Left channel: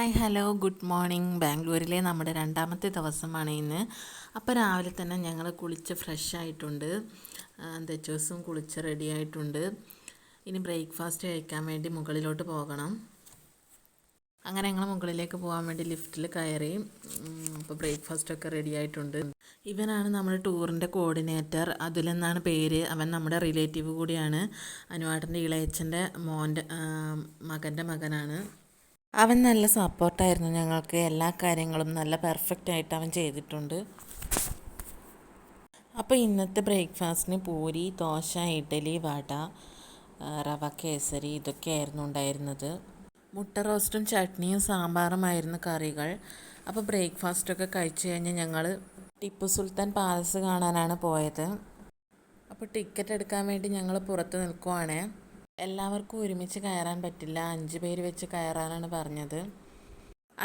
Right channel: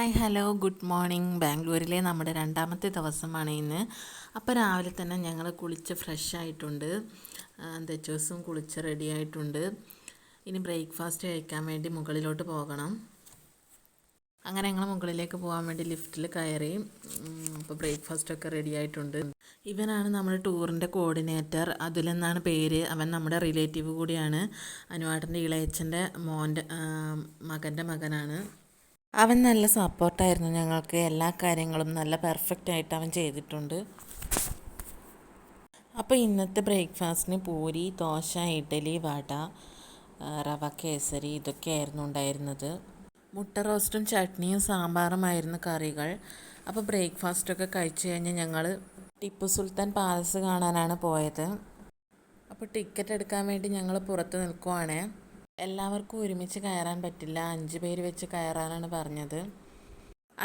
Hi hello good morning. ബാംഗ്ലൂരിലെ നമ്മുടെ രണ്ടാമത്തെ ദിവസമാണ് ഇന്ന്. അപ്പോൾ രാവിലെ തന്നെ ഞങ്ങൾ കുളിച്ച് ഫ്രഷ് ആയിട്ടുണ്ട്. തെച്ചോസും കുളിച്ച് റെഡി ആയിട്ടുണ്ട്. ഇനി ബ്രേക്ക്ഫാസ്റ്റ് കഴിക്കാൻ വേണ്ടി മുകളിലോട്ട് പോകണം. അങ്ങനെ ഞങ്ങൾ മുകളിലേക്ക് പോകാൻ വേണ്ടി ലിഫ്റ്റിൽ കയറി. അപ്പോൾ ബ്രേക്ക്ഫാസ്റ്റൊക്കെ റെഡി ആയിട്ടുണ്ട്. ഇവനാണ് നമ്മുടെ ടൂറിൻ്റെ കോർഡിനേറ്റർ. അതിലെന്നാണ് പേര്. അവൻ നമ്മുടെ റിലേറ്റീവ് കൂടിയാണ്. അനുവാട്ടൻ്റെ ഇളയച്ചൻ്റെ മകൻ്റെ മകനാണ്. അവൻ നല്ല സപ്പോർട്ടായിരുന്നു ഞങ്ങൾക്ക്. എല്ലാ കാര്യങ്ങളും നല്ല പെർഫെക്റ്റ് ആയിട്ട് അവൻ ചെയ്തിട്ടുണ്ട്. അപ്പോൾ ഇന്നത്തെ ബ്രേക്ക്ഫാസ്റ്റിന് പൂരി, ദോശ, ഇഡ്ഡലി, വട, റവ കേസരി ഇതൊക്കെയായിരുന്നു ഉണ്ടായിരുന്നത്. മുട്ട റോസ്റ്റും ചട്നിയും സാമ്പാറുമായിരുന്നു കറികൾ. അപ്പോൾ ബ്രേക്ക്ഫാസ്റ്റൊക്കെ കഴിച്ച് കഴിഞ്ഞ് ഞങ്ങൾ ടിപ്പു സുൽത്താൻ പാലസ് കാണാനാണ് പോയത്. അപ്പോൾ ടിക്കറ്റ് എടുക്കാൻ വേണ്ടി ഞങ്ങൾ പുറത്ത് നിൽക്കുവാണ്. എല്ലാവർക്കും ഒരുമിച്ച് കയറാൻ പറ്റില്ല, 5 പേര് വെച്ച് കയറാനാണ് പറഞ്ഞത്.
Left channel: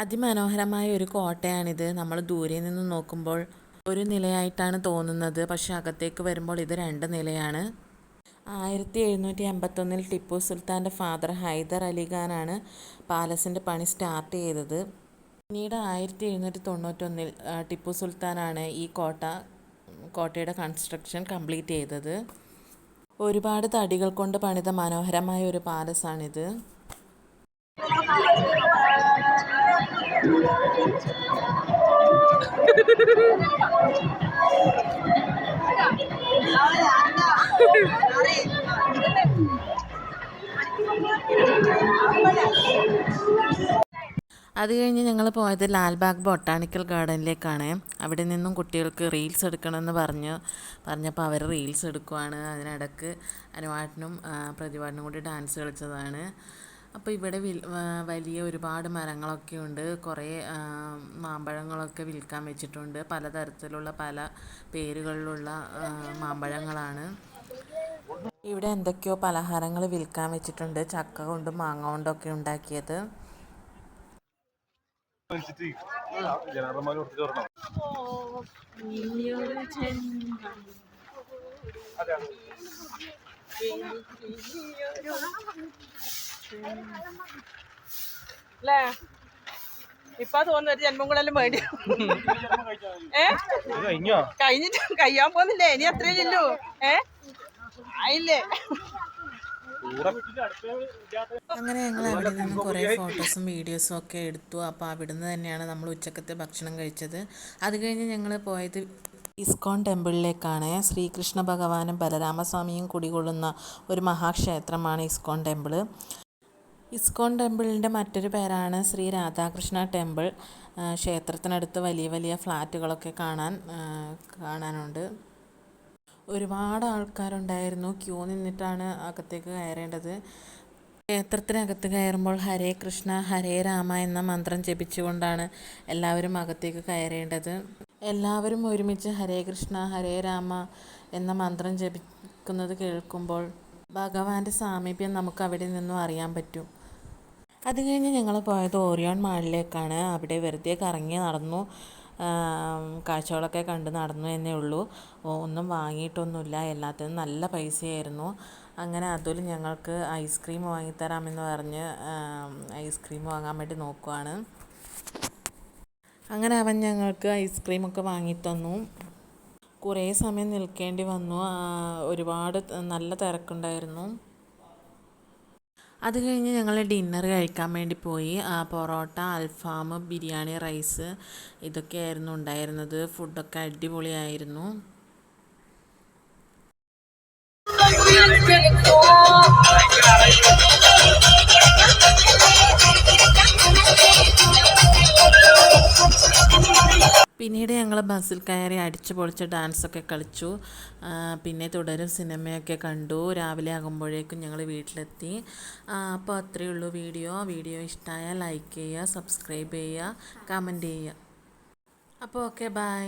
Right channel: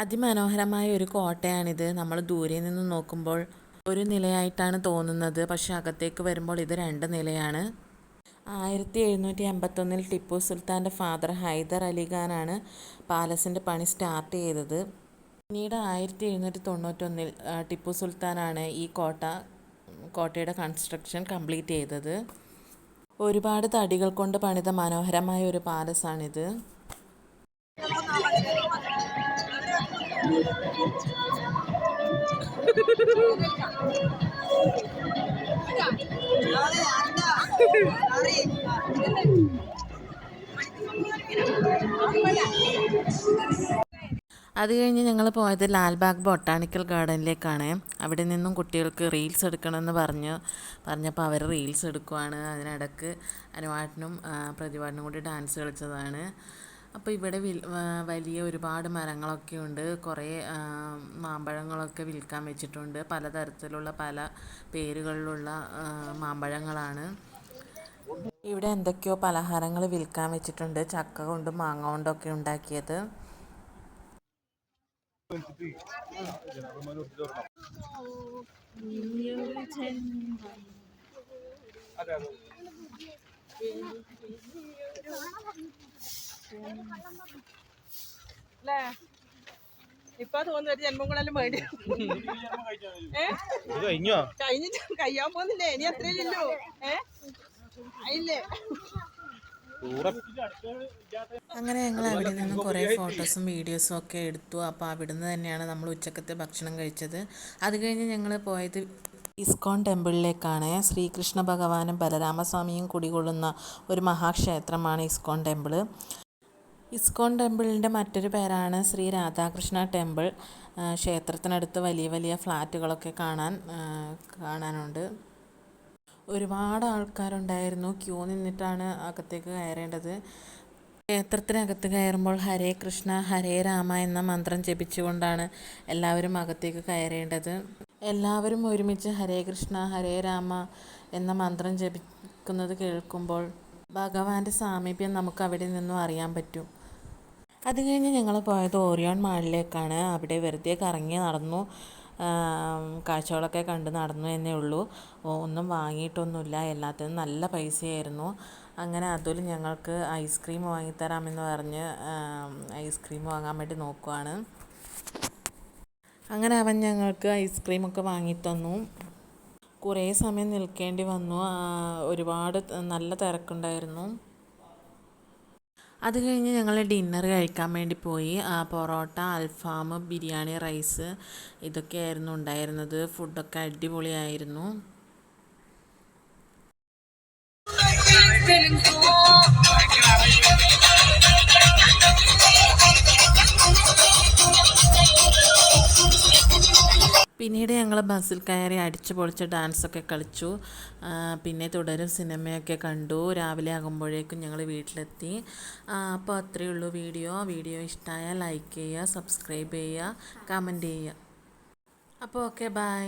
അതിമനോഹരമായ ഒരു കോട്ടയാണിത്. നമ്മൾ ദൂരെ നിന്ന് നോക്കുമ്പോൾ ഒരു നിലയായിട്ടാണ് തോന്നുന്നത്, പക്ഷെ അകത്തേക്ക് വരുമ്പോൾ ഇത് 2 നിലയാണ്. 1781 ടിപ്പു സുൽത്താൻ്റെ ഫാദർ ഹൈദർ അലി ഖാനാണ് പാലസിൻ്റെ പണി സ്റ്റാർട്ട് ചെയ്തത്. പിന്നീട് 1791 ടിപ്പു സുൽത്താനാണ് ഈ കോട്ടയുടെ കൺസ്ട്രക്ഷൻ കംപ്ലീറ്റ് ചെയ്തത്. ഒരുപാട് തടികൾ കൊണ്ട് പണിത മനോഹരമായ ഒരു പാലസാണിത്. അത് കഴിഞ്ഞ് ഞങ്ങൾ പോയത് ലാൽബാഗ് ബൊട്ടാണിക്കൽ ഗാർഡനിലേക്കാണ്. അവിടെ നിന്നും കുട്ടികൾക്ക് റീൽസ് എടുക്കണമെന്ന് പറഞ്ഞപ്പോൾ അവർ റീൽസ് എടുക്കുവാണ്. അതിനിടക്ക് അനുവാട്ടനും പ്രതിവാട്ടനും കൂടി ഡാൻസ് കളിച്ചതാണ്. അപ്പോൾ ഇവിടെ വലിയ ഒരുപാട് മരങ്ങളൊക്കെ ഉണ്ട്. കുറേ മാമ്പഴങ്ങളൊക്കെ വിൽക്കാൻ വെച്ചിട്ടുണ്ട്. പലതരത്തിലുള്ള പല പേരുകളിലുള്ള മാമ്പഴങ്ങളാണ്. ഇവിടെ എന്തൊക്കെയോ പലഹാരങ്ങൾ വിൽക്കാൻ വെച്ചിട്ടുണ്ട്. ചക്ക കൊണ്ടും മാങ്ങ കൊണ്ടൊക്കെ ഉണ്ടാക്കിയത്. അല്ലേ ഇപ്പൊ തോന്നുന്നത് ജന്മങ്ങളെല്ലാം വേണ്ടി കഴിഞ്ഞിട്ട് കഴിയാൻ പോകുന്നില്ലേ? ഇനി അത്രയല്ലോ ആയില്ലേ? അങ്ങനെ ഞങ്ങൾ അവിടെ നിന്ന് കുറേ ഫോട്ടോസും വീഡിയോസും ഒക്കെ എടുത്തു. അപ്പോൾ അവിടുന്ന് തന്നെയാണ് നമ്മൾ ഉച്ചക്കത്തെ ഭക്ഷണം കഴിച്ചത്. അത് കഴിഞ്ഞ് ഞങ്ങൾ പോയത് ഇസ്കോൺ ടെമ്പിളിലേക്കാണ്. ശ്രീകൃഷ്ണ ഭഗവാനും ബലരാമസ്വാമിയും കുടികൊള്ളുന്ന ഒരു മഹാക്ഷേത്രമാണ് ഇസ്കോൺ ടെമ്പിൾ. ഇസ്കോൺ ടെമ്പിളിൻ്റെ മറ്റൊരു പേരാണ് ശ്രീ രാധാകൃഷ്ണ ടെമ്പിൾ. ക്ഷേത്രത്തിനടുത്ത് വലിയ വലിയ ഫ്ലാറ്റുകളൊക്കെ കാണാനുണ്ട്. ഒരുപാട് ആൾക്കാരുണ്ടായിരുന്നു. ക്യൂ നിന്നിട്ടാണ് അകത്തേക്ക് കയറേണ്ടത്. ക്ഷേത്രത്തിനകത്ത് കയറുമ്പോൾ ഹരേ കൃഷ്ണ ഹരേ രാമ എന്ന മന്ത്രം ജപിച്ചുകൊണ്ടാണ് എല്ലാവരും അകത്തേക്ക് കയറേണ്ടത്. എല്ലാവരും ഒരുമിച്ച് ഹരേ കൃഷ്ണ ഹരേ രാമ എന്ന മന്ത്രം ജപിക്കുന്നത് കേൾക്കുമ്പോൾ ഭഗവാന്റെ സാമീപ്യം നമുക്ക് അവിടെ നിന്നും അറിയാൻ പറ്റും. അത് കഴിഞ്ഞ് ഞങ്ങൾ പോയത് ഓറിയോൺ മാളിലേക്കാണ്. അവിടെ വെറുതെ കറങ്ങി നടന്നു, കാഴ്ചകളൊക്കെ കണ്ട് നടന്നു എന്നേ ഉള്ളൂ. ഒന്നും വാങ്ങിയിട്ടൊന്നുമില്ല. എല്ലാത്തിനും നല്ല പൈസയായിരുന്നു. അങ്ങനെ അതുൽ ഞങ്ങൾക്ക് ഐസ്ക്രീം വാങ്ങിത്തരാമെന്ന് പറഞ്ഞ് ഐസ്ക്രീം വാങ്ങാൻ വേണ്ടി നോക്കുവാണ്. അങ്ങനെ അവൻ ഞങ്ങൾക്ക് ഐസ്ക്രീമൊക്കെ വാങ്ങിത്തന്നു. കുറേ സമയം നിൽക്കേണ്ടി വന്നു. ഒരുപാട് നല്ല തിരക്കുണ്ടായിരുന്നു. അത് കഴിഞ്ഞ് ഞങ്ങൾ ഡിന്നർ കഴിക്കാൻ വേണ്ടി പോയി. പൊറോട്ട, അൽഫാം, ബിരിയാണി, റൈസ് ഇതൊക്കെയായിരുന്നു ഉണ്ടായിരുന്നത്. ഫുഡൊക്കെ അടിപൊളിയായിരുന്നു. പിന്നീട് ഞങ്ങൾ ബസ്സിൽ കയറി അടിച്ചു പൊളിച്ച് ഡാൻസൊക്കെ കളിച്ചു. പിന്നെ തുടരും സിനിമയൊക്കെ കണ്ടു. രാവിലെ ആകുമ്പോഴേക്കും ഞങ്ങൾ വീട്ടിലെത്തി. അപ്പോൾ അത്രയേ ഉള്ളൂ വീഡിയോ ഇഷ്ടമായാൽ ലൈക്ക് ചെയ്യുക, സബ്സ്ക്രൈബ് ചെയ്യുക, കമൻറ്റ് ചെയ്യുക. അപ്പോൾ ഓക്കെ, ബൈ.